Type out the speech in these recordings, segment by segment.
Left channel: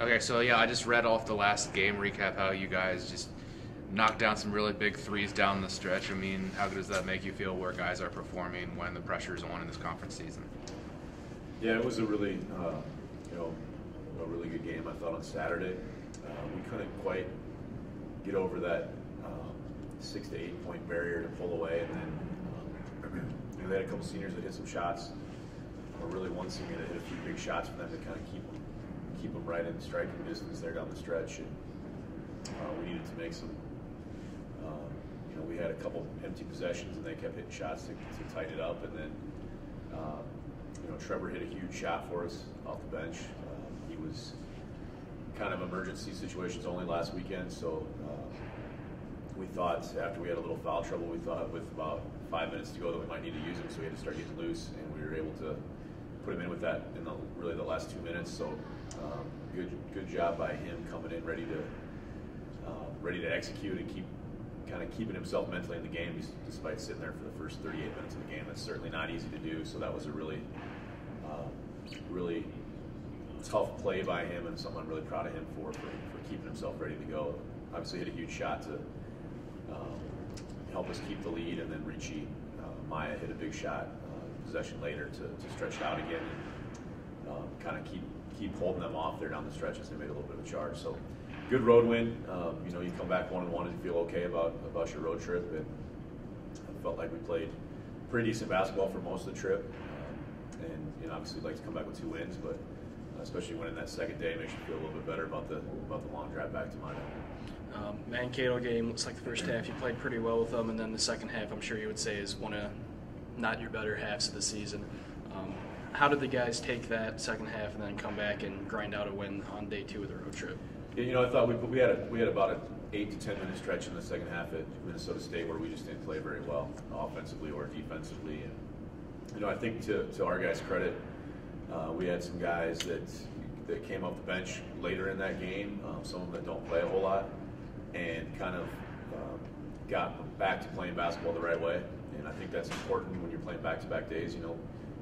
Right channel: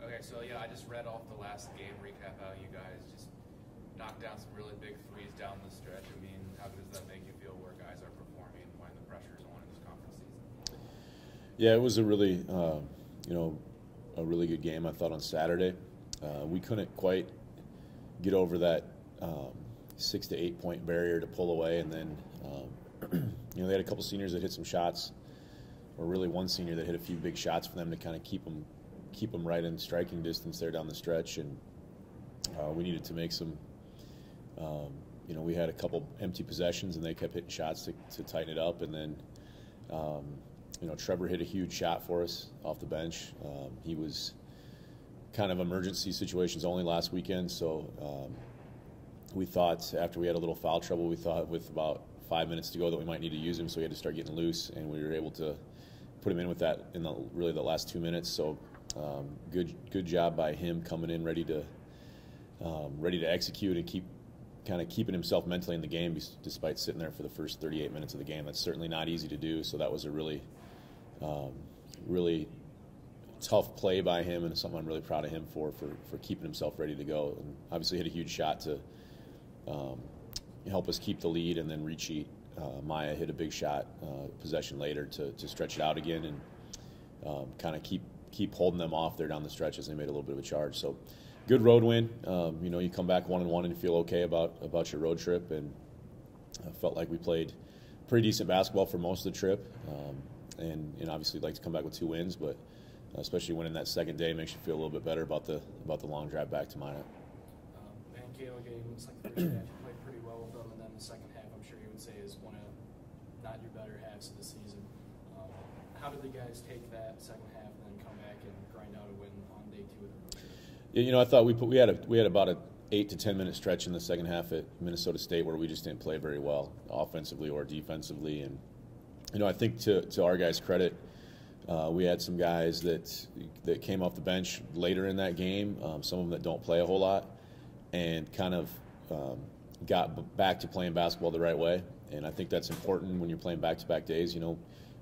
Okay, so yeah, I just read off the last game recap how you guys just knocked down some really big threes down the stretch. I mean, how does that make you feel where guys are performing when the pressure's on in this conference season? Yeah, it was a really, you know, a really good game. I thought on Saturday, we couldn't quite get over that 6 to 8 point barrier to pull away, and then they had a couple seniors that hit some shots, or really one senior that hit a few big shots for them to kind of keep them right in striking distance there down the stretch, and we needed to make some. We had a couple empty possessions, and they kept hitting shots to tighten it up, and then. Trevor hit a huge shot for us off the bench. He was kind of emergency situations only last weekend, so we thought after we had a little foul trouble, we thought with about 5 minutes to go that we might need to use him, so we had to start getting loose, and we were able to put him in with that in really the last 2 minutes. So good job by him coming in ready to execute and keeping himself mentally in the game despite sitting there for the first 38 minutes of the game. That's certainly not easy to do, so that was a really tough play by him, and something I'm really proud of him for keeping himself ready to go. Obviously hit a huge shot to help us keep the lead, and then Ricci Maya hit a big shot possession later to stretch it out again and kind of keep holding them off there down the stretch as they made a little bit of a charge. So good road win. You come back 1-1 and feel okay about your road trip, and I felt like we played pretty decent basketball for most of the trip. And obviously you'd like to come back with 2 wins, but especially winning that second day makes you feel a little bit better about the long drive back to Maya. Mankato game, looks like the first half you played pretty well with them, and then the second half I'm sure you would say is one of not your better halves of the season. How did the guys take that second half and then come back and grind out a win on day 2 of the road trip? I thought we had about an 8 to 10 minute stretch in the second half at Minnesota State where we just didn't play very well, offensively or defensively. And I think to our guys' credit, we had some guys that came off the bench later in that game, some of them that don't play a whole lot, and kind of got back to playing basketball the right way. And I think that's important when you're playing back-to-back days.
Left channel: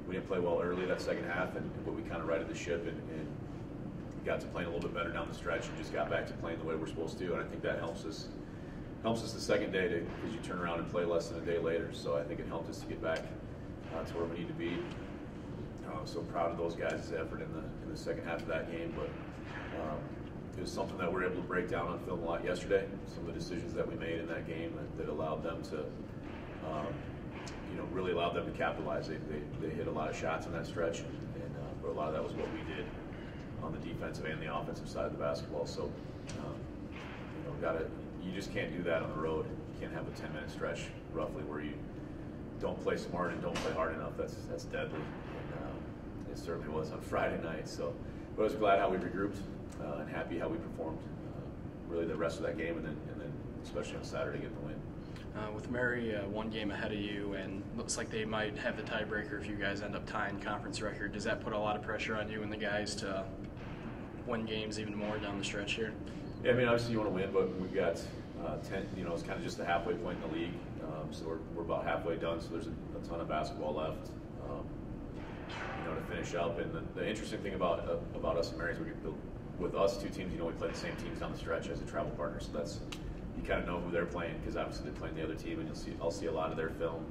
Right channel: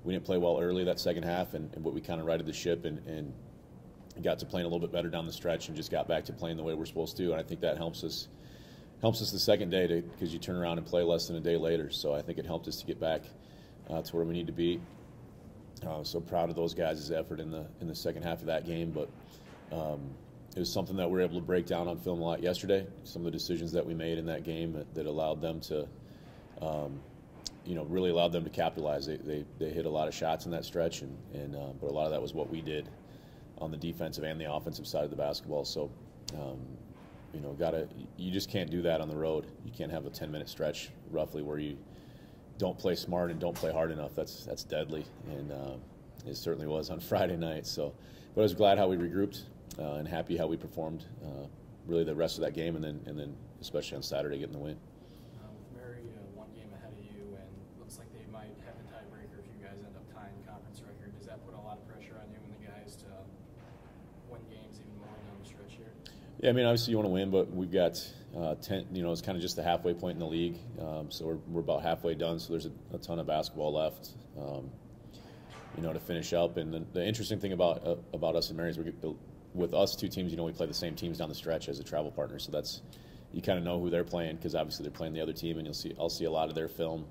We didn't play well early that second half, but we kind of righted the ship and got to playing a little bit better down the stretch and just got back to playing the way we're supposed to. And I think that helps us the second day because you turn around and play less than a day later. So I think it helped us to get back to where we need to be. So proud of those guys' effort in the second half of that game. But it was something that we were able to break down on film a lot yesterday. Some of the decisions that we made in that game that allowed them to, really allowed them to capitalize. They hit a lot of shots in that stretch, but a lot of that was what we did on the defensive and the offensive side of the basketball. So, you just can't do that on the road. You can't have a 10-minute stretch roughly where you don't play smart and don't play hard enough. That's deadly, and it certainly was on Friday night. So, but I was glad how we regrouped and happy how we performed really the rest of that game, and then especially on Saturday getting the win. With Mary one game ahead of you, and looks like they might have the tiebreaker if you guys end up tying conference record, does that put a lot of pressure on you and the guys to win games even more down the stretch here? Yeah, I mean, obviously you want to win, but we've got 10. It's kind of just the halfway point in the league, so we're about halfway done. So there's a ton of basketball left, to finish up. And the interesting thing about us and Mary's, with us 2 teams, we play the same teams down the stretch as a travel partner. So that's you kind of know who they're playing because obviously they're playing the other team, and I'll see a lot of their film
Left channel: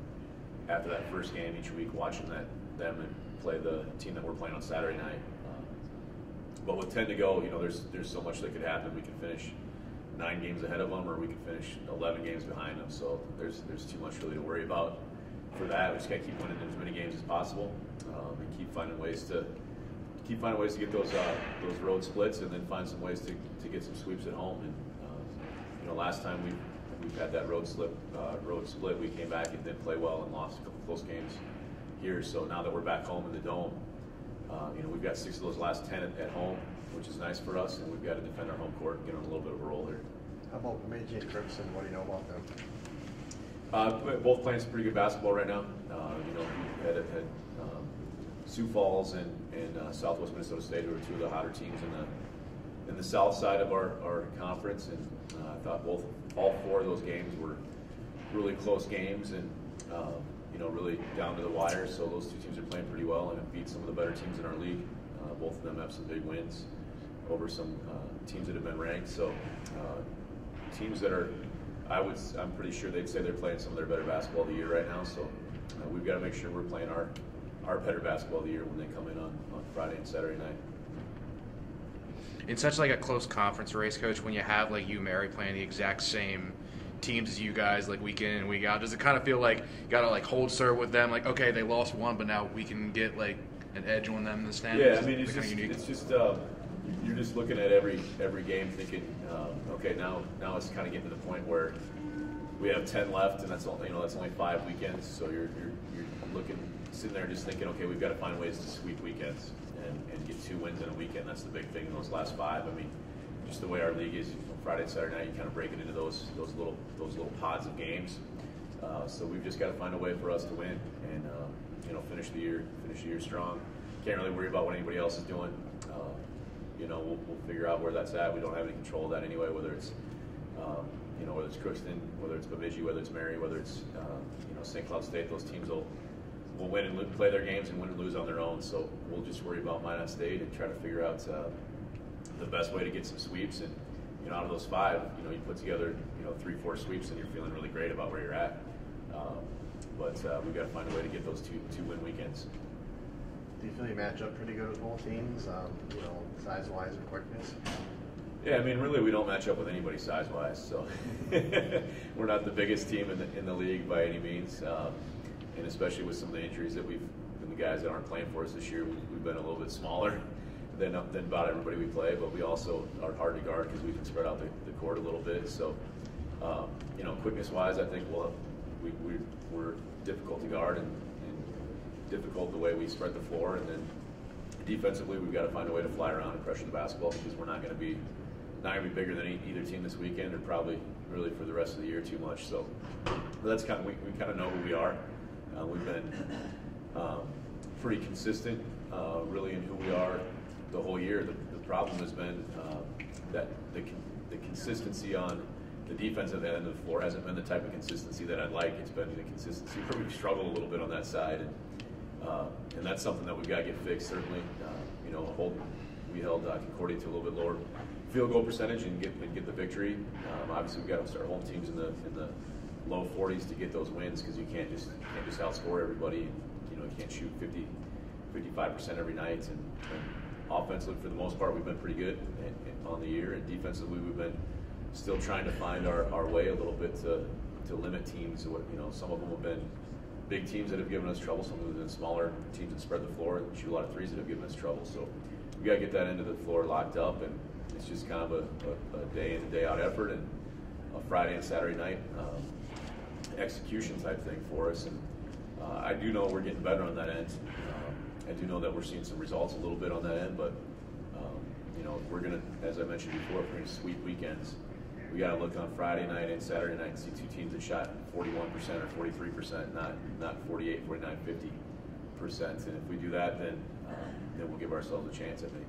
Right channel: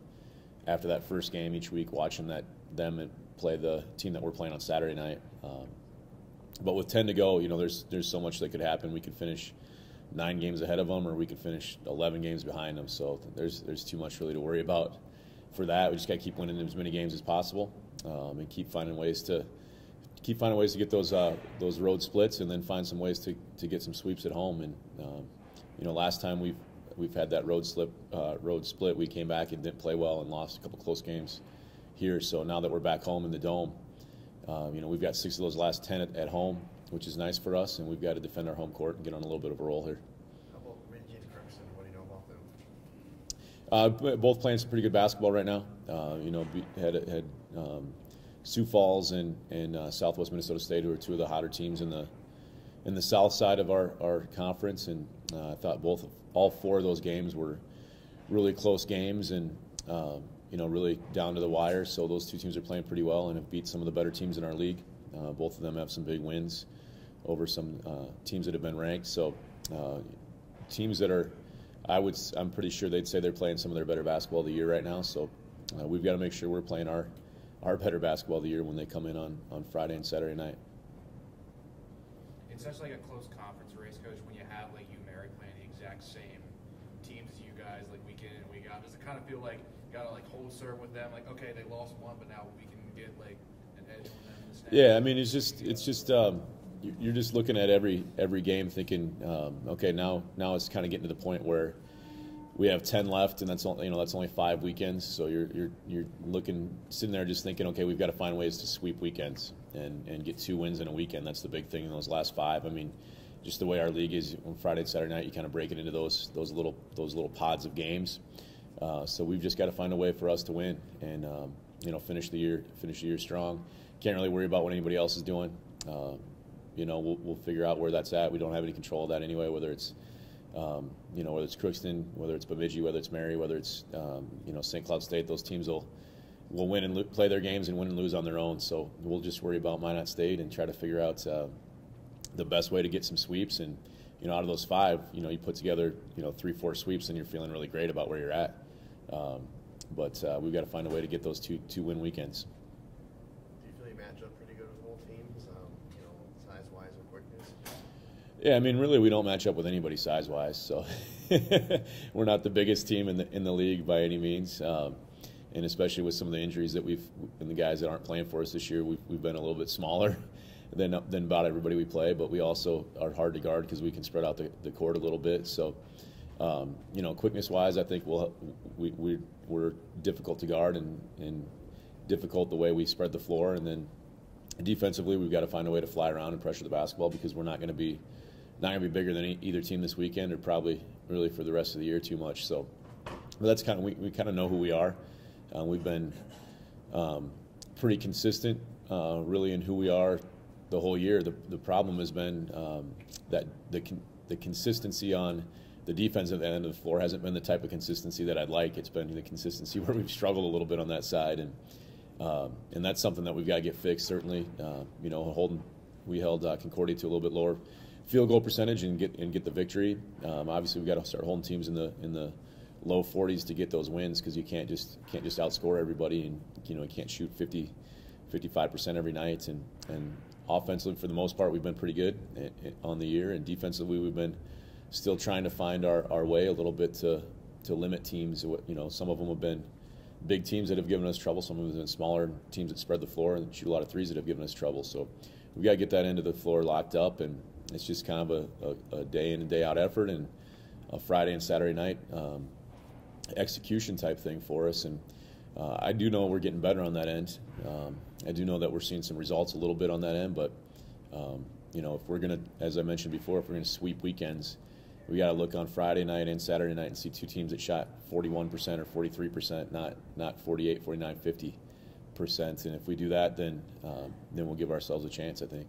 after that first game each week, watching them play the team that we're playing on Saturday night. But with 10 to go, there's so much that could happen. We could finish 9 games ahead of them, or we could finish 11 games behind them. So there's too much really to worry about for that. We just got to keep winning as many games as possible, and keep finding ways to get those road splits, and then find some ways to get some sweeps at home. And last time we've had that road split, we came back and didn't play well and lost a couple close games here. So now that we're back home in the Dome, we've got 6 of those last 10 at home, which is nice for us, and we've got to defend our home court and get on a little bit of a roll here. How about Meiji and Crimson? What do you know about them? Both playing some pretty good basketball right now. We had Sioux Falls and Southwest Minnesota State, who are 2 of the hotter teams in the south side of our conference, and I thought all 4 of those games were really close games, and really down to the wire. So those 2 teams are playing pretty well and have beat some of the better teams in our league. Both of them have some big wins over some teams that have been ranked. So teams that are, I'm pretty sure they'd say they're playing some of their better basketball of the year right now. So we've got to make sure we're playing our better basketball of the year when they come in on Friday and Saturday night. In such like a close conference race, Coach, when you have like UMary playing the exact same teams as you guys, like week in and week out, does it kind of feel like you gotta like hold serve with them? Like, okay, they lost one, but now we can get like an edge on them in the standings? Yeah, I mean, it's just you're just looking at every game thinking, okay, now it's kind of getting to the point where we have 10 left, and that's only 5 weekends. So you're sitting there just thinking, okay, we've got to find ways to sweep weekends and get 2 wins in a weekend. That's the big thing in those last 5. I mean, just the way our league is, Friday and Saturday night, you kind of break it into those little pods of games. So we've just got to find a way for us to win and finish the year strong. Can't really worry about what anybody else is doing. We'll figure out where that's at. We don't have any control of that anyway, whether it's whether it's Crookston, whether it's Bemidji, whether it's Mary, whether it's St. Cloud State. Those teams will win and play their games and win and lose on their own. So we'll just worry about Minot State and try to figure out the best way to get some sweeps. And out of those 5, you put together 3-4 sweeps and you're feeling really great about where you're at. But we've got to find a way to get those two win weekends. Do you feel you match up pretty good with both teams, size-wise and quickness? Yeah, I mean, really, we don't match up with anybody size-wise, so we're not the biggest team in the league by any means, and especially with some of the injuries that and the guys that aren't playing for us this year, we've been a little bit smaller than about everybody we play, but we also are hard to guard because we can spread out the court a little bit. So, quickness-wise, I think we're difficult to guard and difficult the way we spread the floor, and then defensively, we've got to find a way to fly around and pressure the basketball because we're not going to be bigger than either team this weekend, or probably really for the rest of the year too much. So, but that's kind of we kind of know who we are. We've been pretty consistent, really, in who we are the whole year. The problem has been that the consistency on the defensive end of the floor hasn't been the type of consistency that I'd like. It's been the consistency where we've struggled a little bit on that side, and that's something that we've got to get fixed. Certainly, we held Concordia to a little bit lower field goal percentage and get the victory. Obviously, we've got to start holding teams in the low 40s to get those wins, because you can't just outscore everybody, and you can't shoot 55% every night. And offensively, for the most part, we've been pretty good on the year, and defensively, we've been still trying to find our way a little bit to limit teams. Some of them have been big teams that have given us trouble. Some of them have been smaller teams that spread the floor and shoot a lot of threes that have given us trouble. So we've got to get that end of the floor locked up, and it's just kind of a day in and day out effort, and a Friday and Saturday night execution type thing for us. And I do know we're getting better on that end. I do know that we're seeing some results a little bit on that end, but if we're going to, as I mentioned before, if we're going to sweep weekends, we got to look on Friday night and Saturday night and see 2 teams that shot 41% or 43%, not 48, 49, 50%. And if we do that, then we'll give ourselves a chance, I think.